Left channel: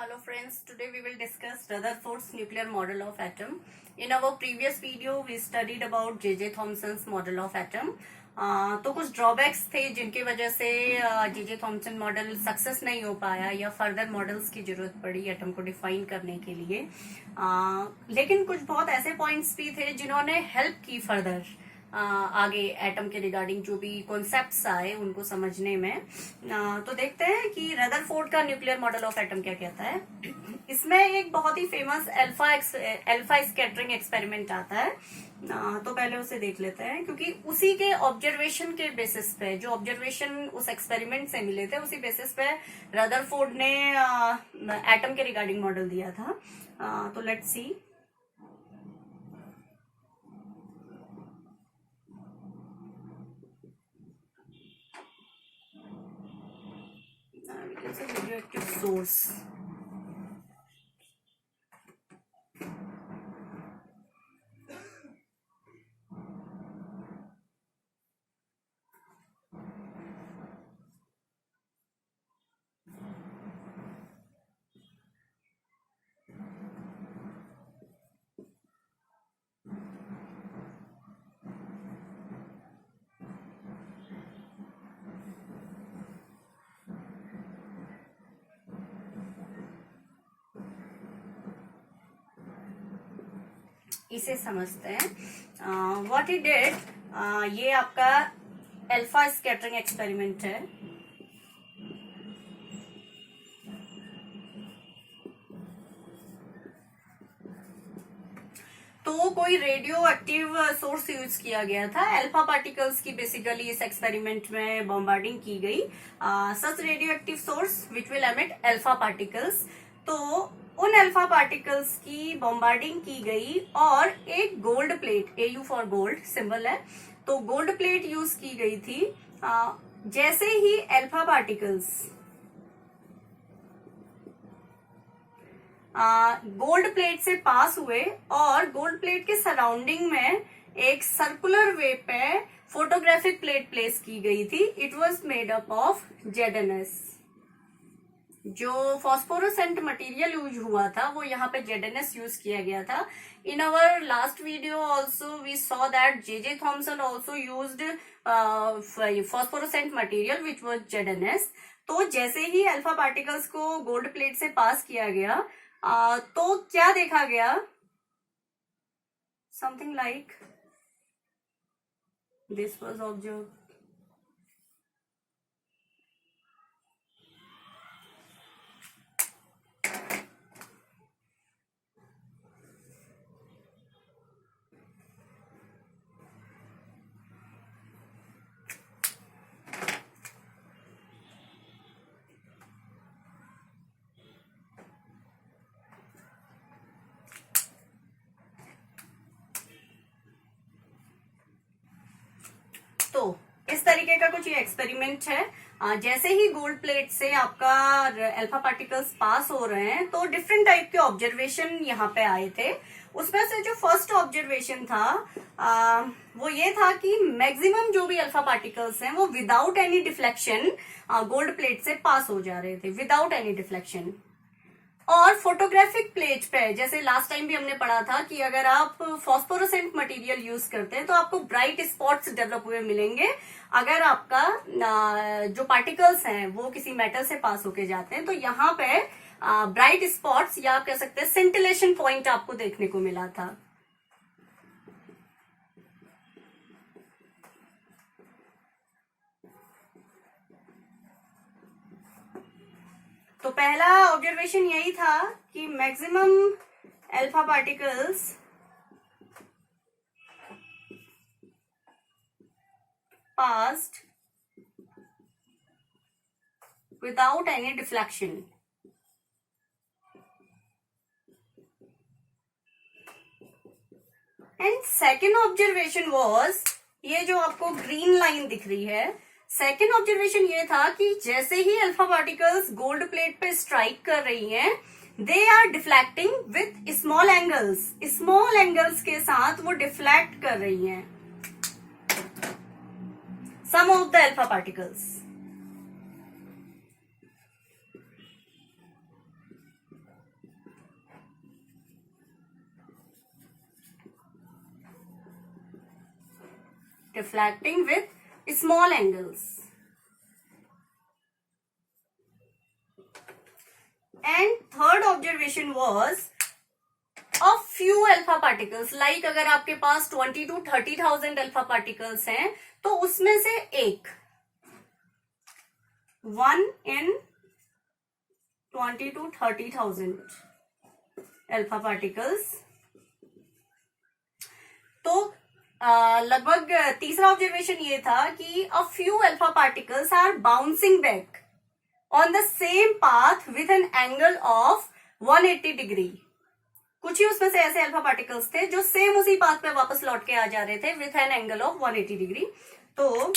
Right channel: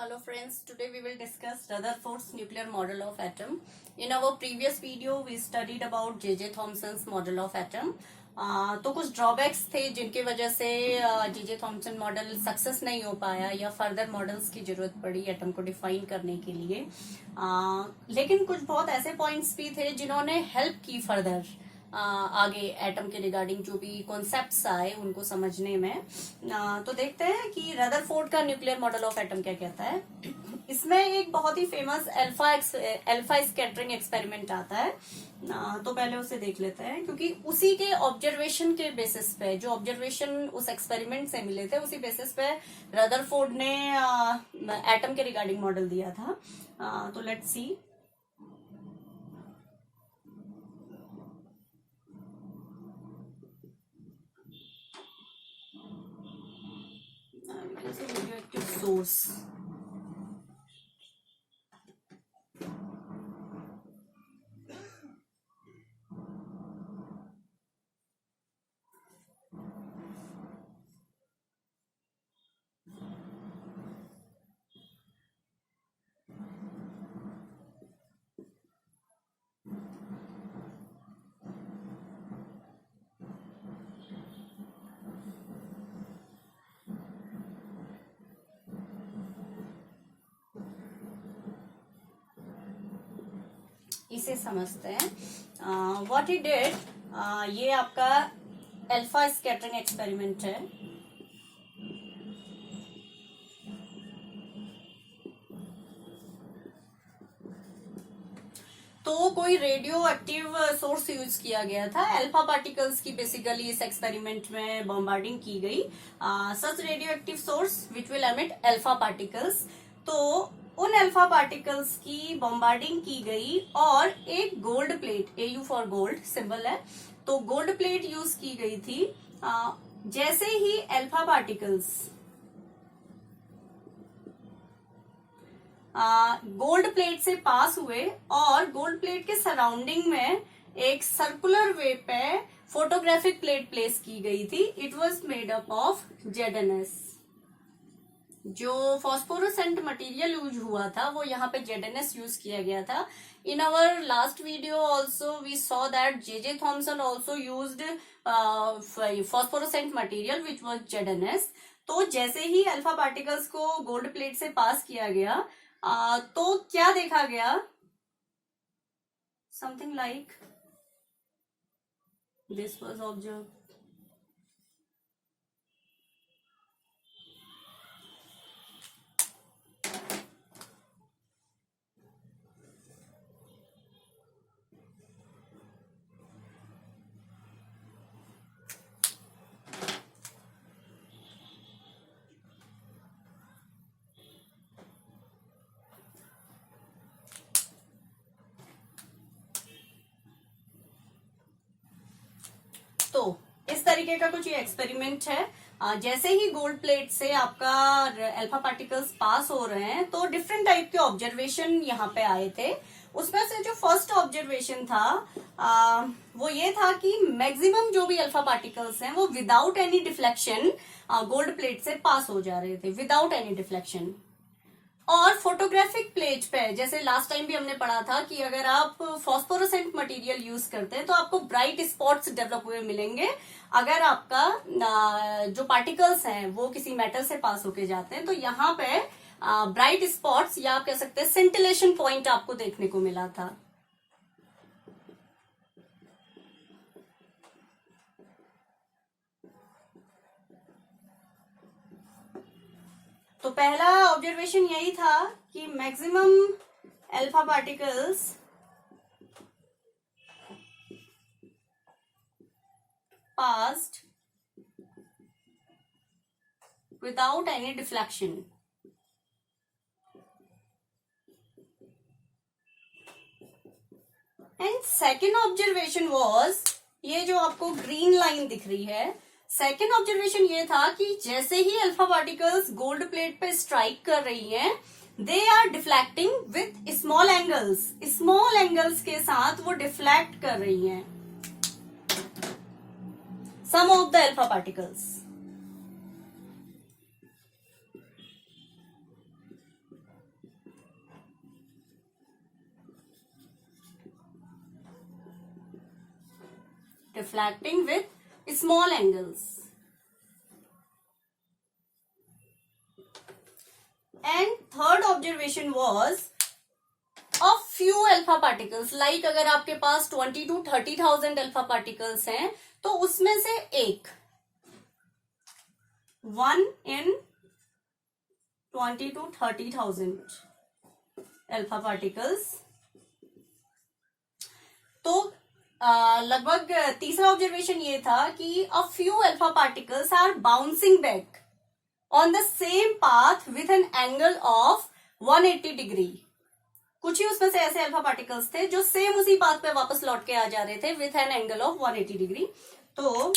Hello friends, today we will discuss Rutherford's nuclear model of atom. In our previous video we studied about J.J. Thomson's model of atom. तो कुछ drawbacks थे जिनकी वजह से J.J. Thompson model success नहीं हो पाया या फर्दर मॉडल्स की जरूरत पड़ी एटम को डिफाइन करने के लिए. लेकिन कुछ बहुत ऐसे पॉइंट्स भी थे जिन्होंने हेल्प की फर्दर आगे एटम के रिगार्डिंग जो भी कॉन्सेप्ट्स आए उनको समझने में. तो देखते हैं कि रदरफोर्ड का न्यूक्लियर मॉडल ऑफ एटम क्या कहता है. इसमें एक बहुत ही फेमस अल्फा स्कैटरिंग एक्सपेरिमेंट आता है. तो पहले उसे देख लेते हैं क्योंकि उसी के ऑब्जर्वेशन के बेसिस पे जो ऑब्जर्वेशन उस एक्सपेरिमेंट से मिले थे उसी बेसिस पे रदरफोर्ड ने एटम के रिगार्डिंग मॉडल दिया था. तो लेट्स सी. Radioactive source. इसे समझते हैं. व्हाट ही डिड, ये आपका अल्फा स्कैटरिंग एक्सपेरिमेंट है. तो कोई रेडियो एक्टिव सोर्स यूज किया गया था. अल्फा पार्टिकल्स की बेसिकली इस एक्सपेरिमेंट में बॉम्बार्डिंग की गई. Such radioactive source which will emit alpha particles. तो उन अल्फा पार्टिकल्स की बॉम्बार्डिंग की गई और एक gold plate, AU for gold symbol है, तो गोल्ड प्लेट यूज की गई थी. जैसे ही अल्फा पार्टिकल्स गोल्ड प्लेट से पास हुए और गोल्ड प्लेट के सराउंडिंग में एक सर्कुलर वे पे फोटोग्राफिक प्लेट प्लेस की गई थी. It was made up of ZnS. जो फॉस्फोरोसेंट मटेरियल यूज हुआ था वो यहाँ पे ZnS यूज किया गया था. In our last video also we saw that J.J. Thomson also used phosphorescent material which was ZnS. तो जैसे ही अल्फा पार्टिकल्स को गोल्ड प्लेट से पास किया गया तो क्या देखा गया, something like this was observe. तो इस तरीके का कुछ ये एक्सपेरिमेंट है. जैसे ही गोल्ड प्लेट से आपका अल्फा पार्टिकल्स पास हो रहे हैं तो डिफरेंट टाइप के ऑब्जर्वेशन यहाँ पे आए थे. उसमें से जो फर्स्ट ऑब्जर्वेशन था वो ये था कि मैक्सिमम जो भी अल्फा पार्टिकल्स हैं वो without any deflection gold plate से पास हो जा रहे थे, विदाउट एनी डिफ्लेक्शन. और फोटोग्राफिक प्लेट पे जैसे लास्ट टाइम भी हमने पढ़ा था कि अगर आप फॉस्फोरोसेंट मटेरियल यूज करते हैं तो आपको ब्राइट स्पॉट्स डेवलप हुए मिलेंगे. अगर आपका जो पार्टिकल्स हैं वो किसी मेटल से पास होके जाते हैं तो यहाँ पे ब्राइट स्पॉट्स या आप कह सकते हैं सेंटिलेशन पॉइंट आपको देखने को मिला था. तो पहला ऑब्जर्वेशन यही था कि maximum alpha particles passed without any deflection. And second observation was, ये जो आपको ग्रीन लाइन दिख रही है, सेकेंड ऑब्जर्वेशन ये था कि जैसे ही अल्फा पार्टिकल्स गोल्ड प्लेट पे स्ट्राइक कर रही हैं, they are deflecting with small angles. Small angles के साथ वो डिफ्लेक्ट कर रही हैं some of the alpha particles. deflecting with small angles. And third observation was a few alpha particles, like अगर आपके पास 20 to 30,000 alpha particles हैं तो उसमें से एक 1 in 20 to 30,000 alpha particles. तो लगभग तीसरा ऑब्जर्वेशन ये था कि a few alpha particles are bouncing back on the same path with an angle of 180 degree. कुछ ही उसमें से ऐसे अल्फा पार्टिकल्स थे जो सेम उसी पाथ पे वापस लौट के आ जा रहे थे with an angle of 180 degree. तो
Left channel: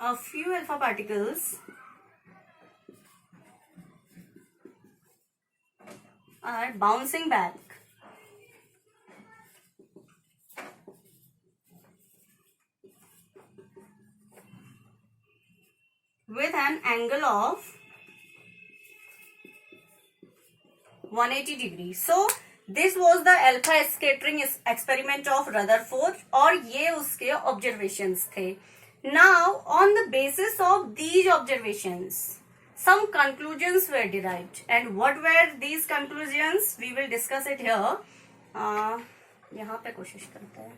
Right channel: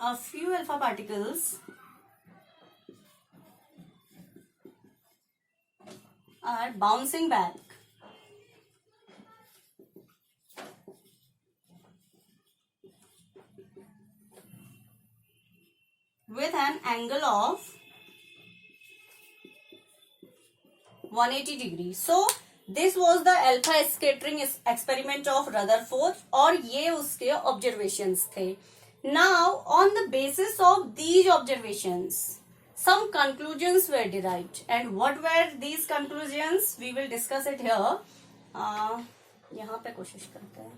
a few alpha particles are bouncing back with an angle of 180 degree. So this was the alpha scattering experiment of Rutherford और ये उसके observations थे. Now on the basis of these observations some conclusions were derived, and what were these conclusions? We will discuss it here. यहाँ पे कोशिश करते हैं.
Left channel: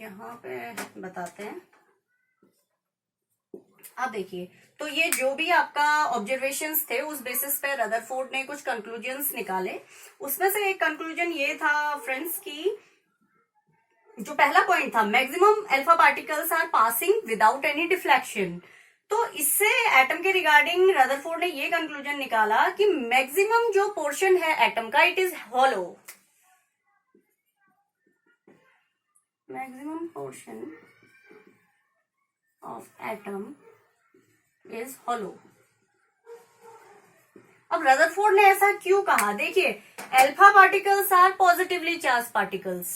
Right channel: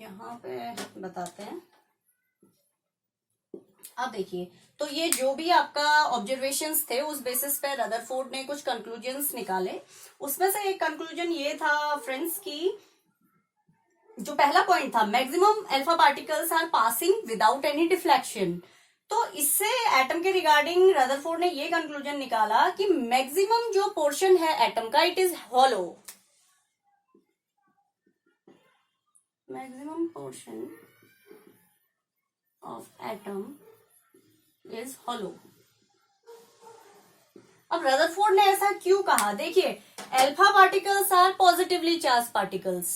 यहाँ पे बताते हैं. अब देखिए, तो ये जो भी आपका ऑब्जर्वेशंस थे उस बेसिस पे रदरफोर्ड ने कुछ कंक्लूजन्स निकाले. उसमें से एक कंक्लूजन ये था फ्रेंड्स की जो पहला पॉइंट था, maximum alpha particles are passing without any deflection. तो इससे एटम के रिगार्डिंग रदरफोर्ड ने ये कंक्लूजन निकाला कि मैक्सिमम जो पोर्शन है एटम का it is hollow. maximum portion of atom is hollow. अब रदरफोर्ड ने ऐसा क्यों कहा? देखिए, alpha particles are positively charge particles,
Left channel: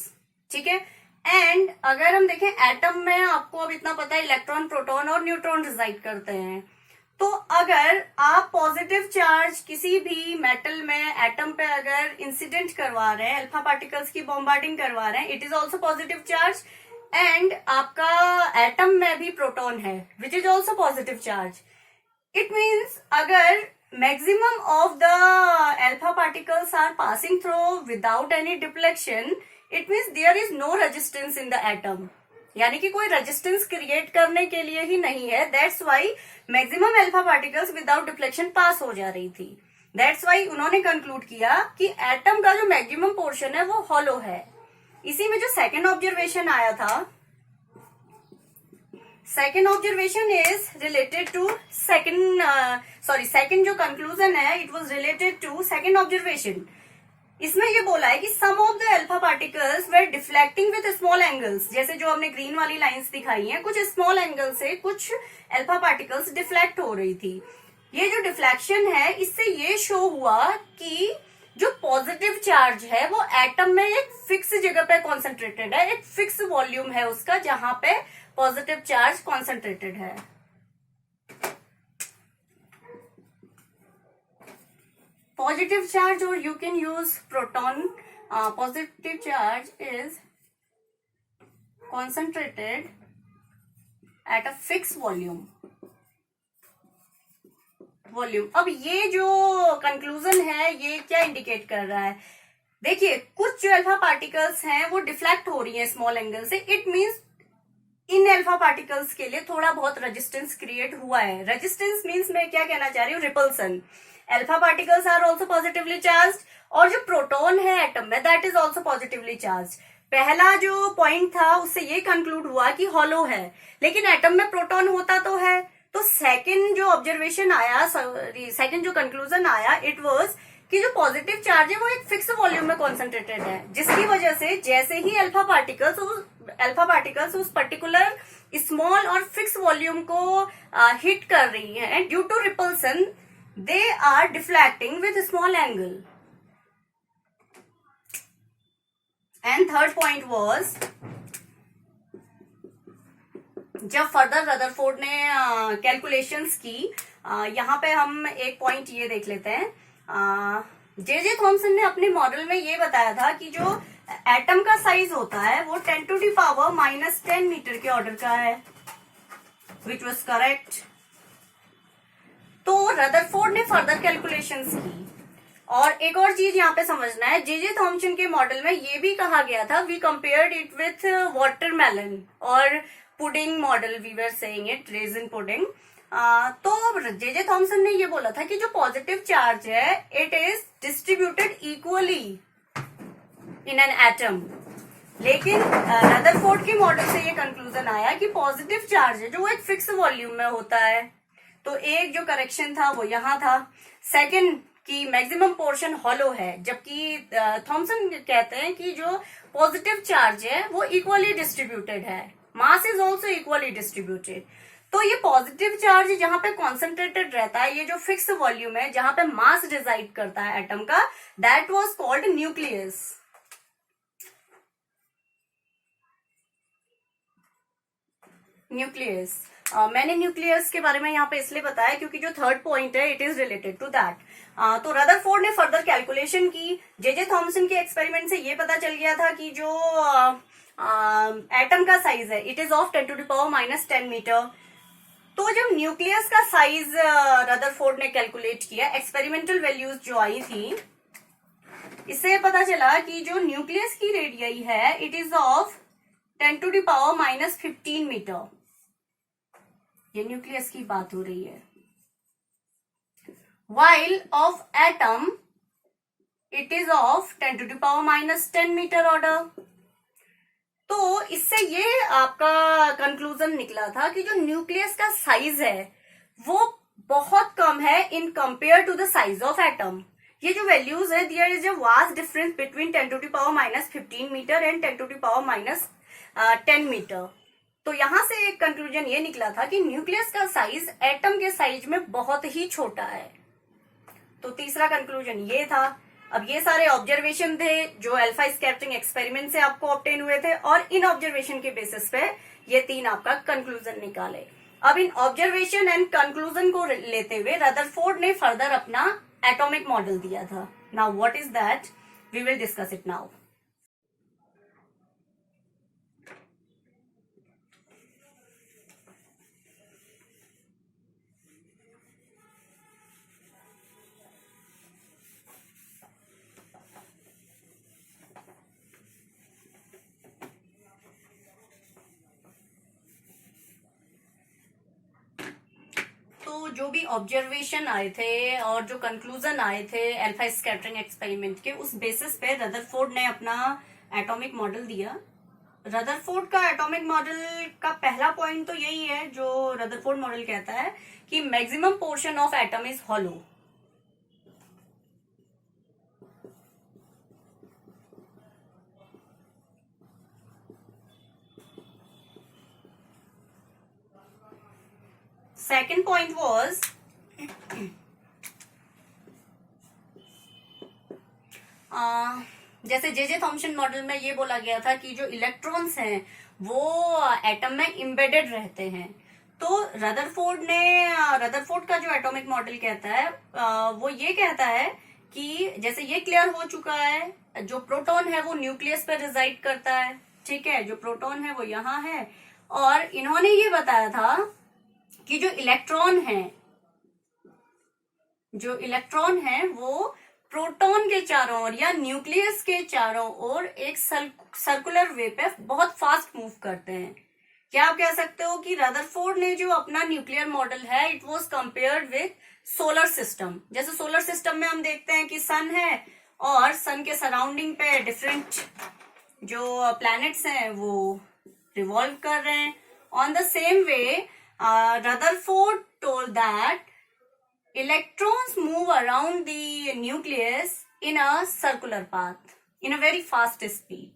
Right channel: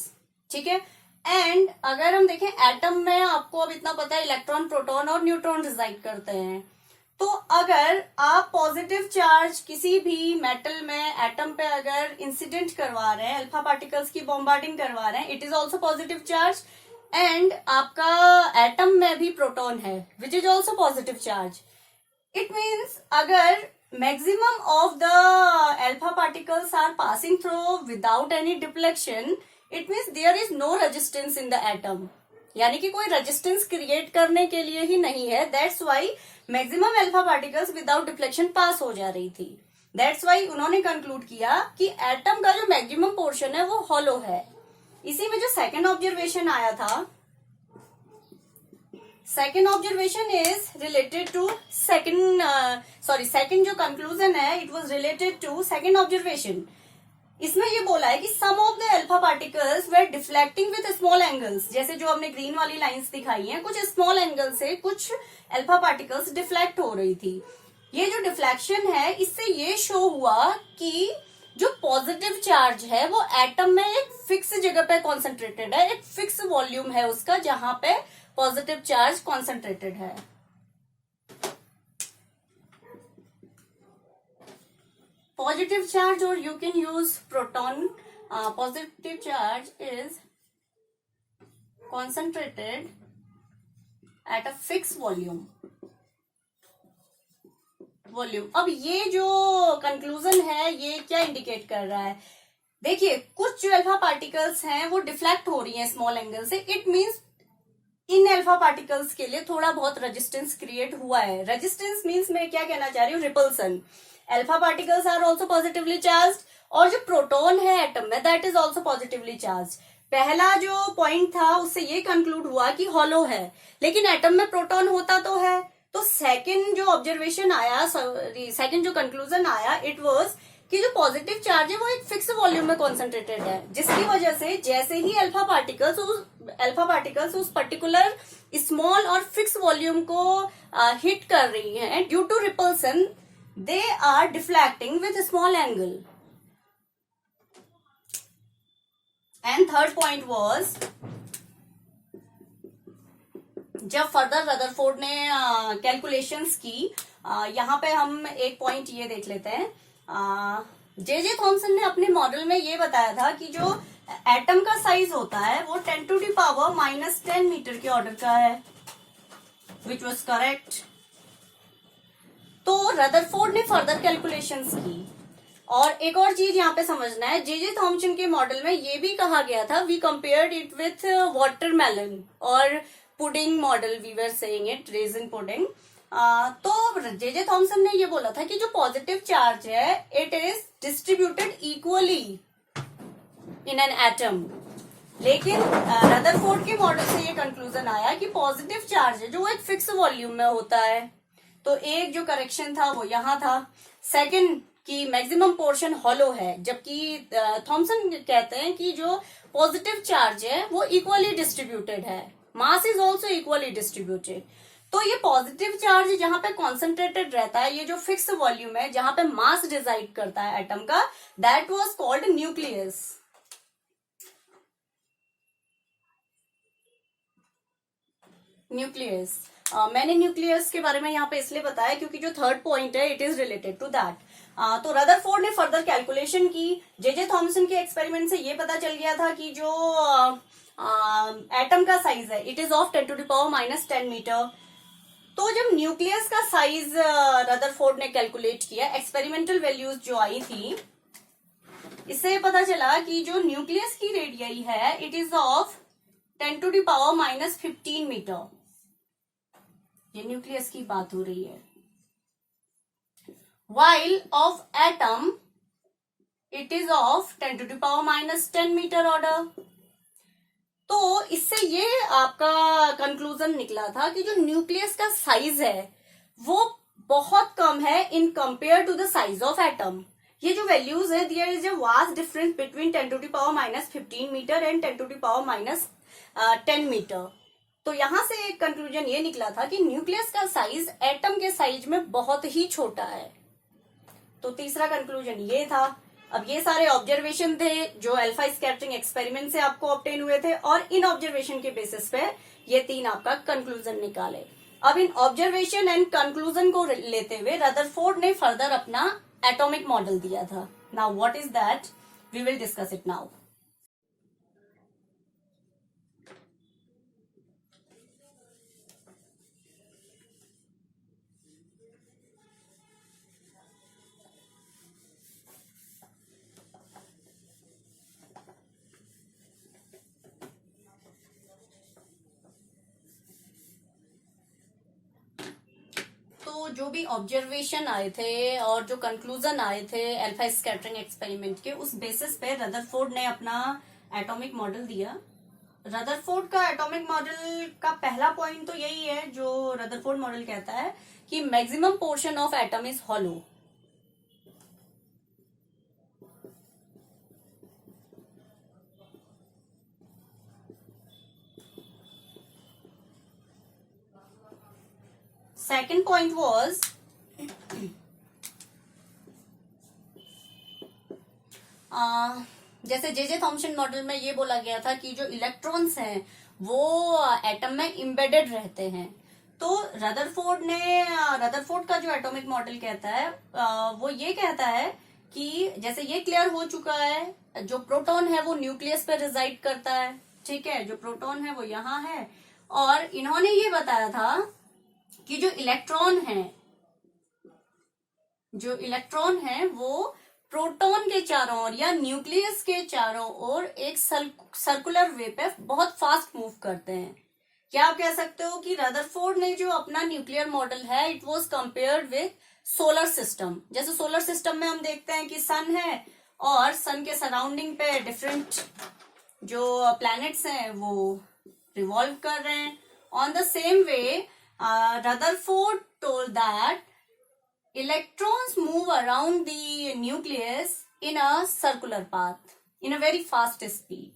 ठीक है. एंड अगर हम देखें एटम में, आपको अब इतना पता है इलेक्ट्रॉन, प्रोटॉन और न्यूट्रॉन रिजाइड करते हैं. तो अगर आप पॉजिटिव चार्ज किसी भी मेटल में एटम पे अगर इंसिडेंट करवा रहे हैं, अल्फा पार्टिकल्स की बॉम्बार्डिंग करवा रहे हैं, it is also positive charge. And आपका एटम में भी प्रोटॉन है which is also positive charge. It means अगर maximum of the alpha particles are passing through without any deflection, it means there is no resistance in the atom. यानी कि कोई resistance create करने के लिए ही नहीं है. That's why maximum alpha particles without deflection pass हो जा रही थी. दैट्स वाई उन्होंने कंक्लूड किया कि एटम का जो मैक्सिमम पोर्शन है वो हॉलो है. इसी में जो सेकेंड ऑब्जर्वेशन आया था, second observation is related to second जो कंक्लूजन है it was related to second observation. इसमें ये बोला है कि some of the alpha particles were deflecting with small angles. जैसे जो हमने ग्रीन वाली लाइंस दिखाई हैं, कुछ स्मॉल एंगल से कुछ अल्फा पार्टिकल्स डिफ्लेक्ट हो रही थी. ये जो डिफ्लेक्शन है इससे ये शो हुआ कि जो पॉजिटिव चार्ज है वो एटम में एक फिक्स जगह पे कॉन्सेंट्रेटेड है, एक फिक्स वॉल्यूम है उसका जहां पे पॉजिटिव चार्ज कॉन्सेंट्रेटेड है. Positive charge, or you can use proton. Positive charge is concentrated at a fixed volume. अब ये जो कंक्लूजन है ये क्या इंडिकेट कर रहा है? देखिए, कुछ जो अल्फा पार्टिकल्स हैं वो डिफ्लेक्ट हो रही हैं स्मॉल एंगल से. It means in alpha particles के लिए थोड़ा बहुत रेजिस्टेंस क्रिएट हुआ है. रेजिस्टेंस मीन्स मैं क्या कहना चाह रही हूँ, repulsion. Alpha particles are also positively charge और जो प्रोटॉन है एटम में that is also positively charge. पहला जो पॉइंट था उससे ये कंक्लूड हुआ कि हॉलो है, लेकिन एटम में प्रोटॉन होता तो है. तो सेकंड जो ऑब्जर्वेशन आया, सेकंड जो कंक्लूजन आया, इट वाज कि जो पॉजिटिव चार्ज है वो एक फिक्स वॉल्यूम में कॉन्सेंट्रेटेड है, जिसकी वजह से जैसे ही अल्फा पार्टिकल्स उस पर्टिकुलर स्मॉल और फिक्स वॉल्यूम को हिट कर रही हैं, due to repulsion they are deflecting with a small angle. And third point was जब फर्दर रदरफोर्ड ने कैलकुलेशंस की, यहाँ पे हम एक पॉइंट ये देख लेते हैं। जे थॉमसन ने अपने मॉडल में ये बताया था कि जो एटम का साइज होता है वो 10⁻⁻10 मीटर के ऑर्डर का है, विच वॉज करेक्ट। तो रदरफोर्ड ने फर्दर कैलकुलेशंस की। और एक और चीज यहाँ पे समझना है, जे थॉमसन के मॉडल में ये भी कहा गया था, we compared it with watermelon और pudding model, we were saying it raisin pudding. तो जे थॉमसन ने ये बोला था कि जो पॉजिटिव चार्ज है it is distributed equally in an atom. लेकिन रदरफोर्ड के मॉडल से ये कंक्लूजन आया कि पॉजिटिव चार्ज है जो वो एक फिक्स वॉल्यूम में होता है। तो एक जो करेक्शन था वो यहाँ था। सेकंड कि मैक्सिमम पोर्शन हॉलो है, जबकि थॉमसन कहते हैं कि जो पॉजिटिव चार्ज है वो इक्वली डिस्ट्रीब्यूटेड है, mass is also equally distributed. तो ये पॉजिटिव चार्ज जहां पे कॉन्सेंट्रेटेड रहता है, ये जो फिक्स वॉल्यूम है जहां पे मास डिसाइड करता है एटम का, that was called nucleus. Nucleus मैंने न्यूक्लियस के बारे में यहाँ पे इसलिए बताया क्योंकि जो थर्ड पॉइंट है it is related to that. तो रदरफोर्ड ने फर्दर कैलकुलेशन की। जे थॉमसन के एक्सपेरिमेंट से ये पता चल गया था कि जो एटम का साइज है इट इज ऑफ 10⁻⁻10 मीटर। तो जब न्यूक्लियस का साइज रदरफोर्ड ने कैलकुलेट किया, एक्सपेरिमेंटल वैल्यूज जो आई थी, इससे पता चला कि जो न्यूक्लियस की रेडियस है इट इज ऑफ 10⁻⁻15 मीटर। ये न्यूक्लियस की बात हो रही है। while of atom it is of 10⁻⁻10 metre order. तो इससे ये आपका कंक्लूजन निकला था कि जो न्यूक्लियस का साइज है वो बहुत कम है in compare to the size of atom. ये जो वैल्यूज है, there is a vast difference between 10⁻⁻15 metre and 10⁻⁻10 metre. तो यहां से एक कंक्लूजन ये निकला था कि न्यूक्लियस का साइज एटम के साइज में बहुत ही छोटा है। तो तीसरा कंक्लूजन ये था। अब ये सारे ऑब्जर्वेशन थे जो अल्फा स्कैटरिंग एक्सपेरिमेंट से आपको ऑब्टेन हुए थे, और इन ऑब्जर्वेशन के बेसिस पे ये तीन आपका कंक्लूजन निकाले। अब इन ऑब्जर्वेशन एंड कंक्लूजन को लेते हुए रदरफोर्ड ने फर्दर अपना एटॉमिक मॉडल दिया था। Now what is that, we will discuss it now. जो भी ऑब्जर्वेशन आए थे और जो कंक्लूजन आए थे अल्फा स्कैटरिंग एक्सपेरिमेंट के, उस बेसिस पे रदरफोर्ड ने अपना एटॉमिक मॉडल दिया। रदरफोर्ड का एटॉमिक मॉडल का पहला पॉइंट तो यही है जो रदरफोर्ड मॉडल कहता है कि maximum portion of atom is hollow. Second point was जैसे जे थॉमसन मॉडल में ये बोला गया था कि जो इलेक्ट्रॉन्स हैं वो एटम में इम्बेडेड रहते हैं। तो रदरफोर्ड का जो एटॉमिक मॉडल कहता है वो ये कहता है कि जैसे ये क्लियर हो चुका है, जो प्रोटॉन है वो न्यूक्लियस पर रिजाइड करता है, ठीक है, जो प्रोटॉन है वो यहाँ है। और इन्होंने ये बताया था कि जो इलेक्ट्रॉन है वो प्रोटॉन के चारों ओर या न्यूक्लियस के चारों ओर एक सर्कुलर वे पे बहुत फास्ट मूव करते हैं। क्या आप कह सकते हो कि रदरफोर्ड ने जो अपना न्यूक्लियर मॉडल है it was compared with solar system. जैसे सोलर सिस्टम में हम देखते हैं कि सन है और सन के सराउंडिंग पे डिफरेंट जो प्लैनेट्स हैं वो रिवॉल्व कर रहे हैं। On the same way Rutherford told that electrons move around the nucleus in a circular path in a very fast speed.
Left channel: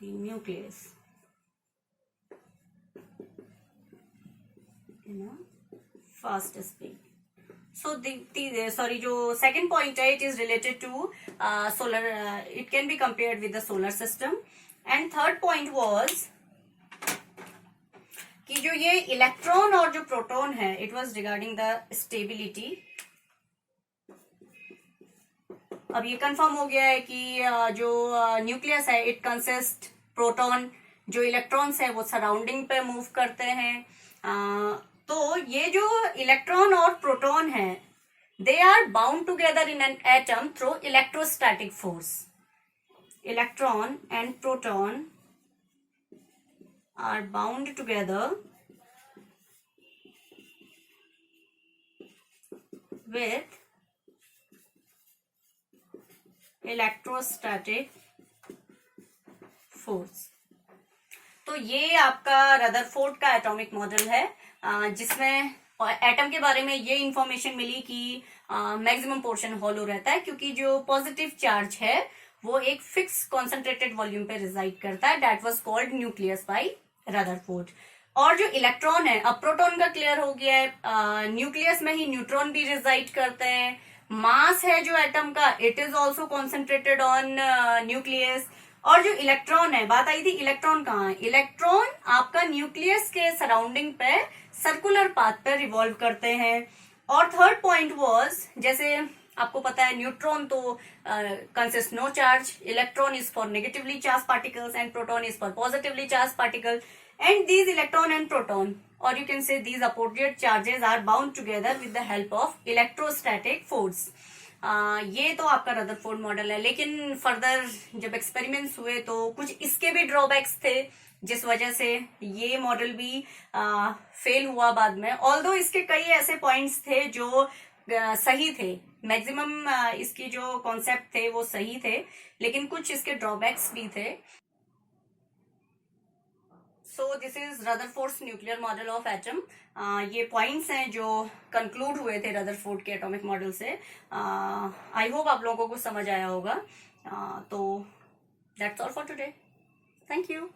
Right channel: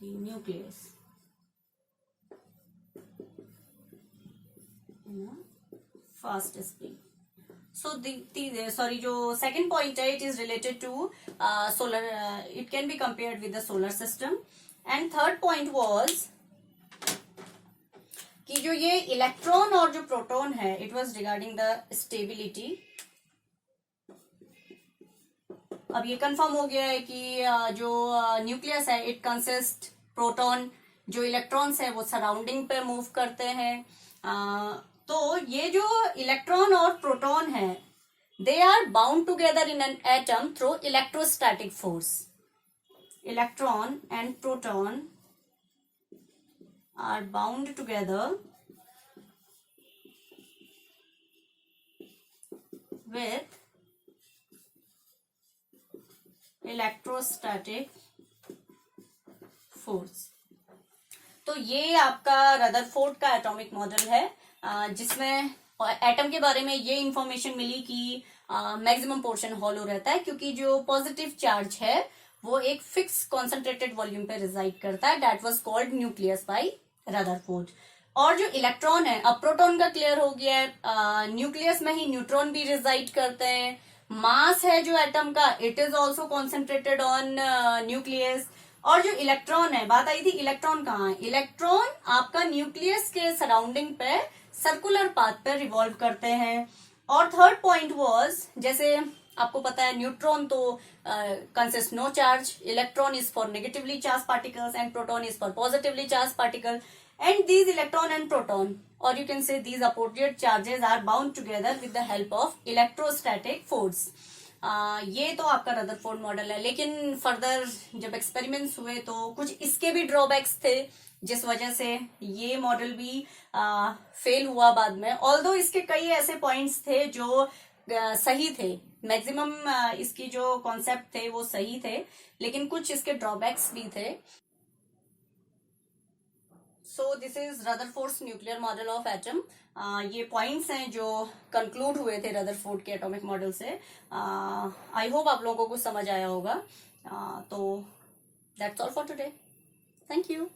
The nucleus in a fast speed. So sorry, जो second point है, it is related to solar. It can be compared with the solar system. And third point was कि जो ये electron और जो proton है, it was regarding the stability. अब ये कंफर्म हो गया है कि जो न्यूक्लियस है, इट कंसिस्ट प्रोटॉन, जो इलेक्ट्रॉन्स है वो सराउंडिंग पे मूव करते हैं. तो ये जो इलेक्ट्रॉन और प्रोटॉन है, they are bound together in an atom through electrostatic force. Electron and proton are bound together with electrostatic force. तो ये आपका रदरफोर्ड का एटॉमिक मॉडल है, जिसमें एटम के बारे में ये इंफॉर्मेशन मिली कि मैक्सिमम पोर्शन हॉलो रहता है, क्योंकि जो पॉजिटिव चार्ज है वो एक फिक्स कॉन्सेंट्रेटेड वॉल्यूम पे रिजाइड करता है. That was called nucleus bye Rutherford. और जो इलेक्ट्रॉन है, अब प्रोटॉन का क्लियर हो गया है, न्यूक्लियस में ही न्यूट्रॉन भी रिजाइड करते हैं. मास है जो एटम का, it is also concentrated on nucleus. और जो इलेक्ट्रॉन है, बात आई थी इलेक्ट्रॉन कहाँ है, इलेक्ट्रॉन आपका न्यूक्लियस के सराउंडिंग पे सर्कुलर पाथ पे रिवॉल्व करते हैं. और थर्ड पॉइंट वाज, जैसे आपको पता है न्यूट्रॉन तो consist no charge, electron is for negatively charge particles and proton is for positively charge particle. And these electron and proton, और you can say these opposite charges are bound together with the help of electrostatic force. ये तो आपका Rutherford model है. लेकिन further जब experiments हुए तो कुछ इसके भी ड्रॉबैक्स थे, जिस वजह से ये मॉडल भी फेल हुआ बाद में. ऑल्दो इसके कई ऐसे पॉइंट्स थे जो सही थे, मैक्सिमम इसकी जो कॉन्सेप्ट थे वो सही थे, लेकिन कुछ इसके ड्रॉबैक्स भी थे. So this is Rutherford's nuclear model of atom. ये पॉइंट्स हैं जो कंक्लूड हुए थे रदरफोर्ड के एटॉमिक मॉडल से. आई होप आप लोगों को कुछ समझ आया होगा. तो that's all for today. Thank you.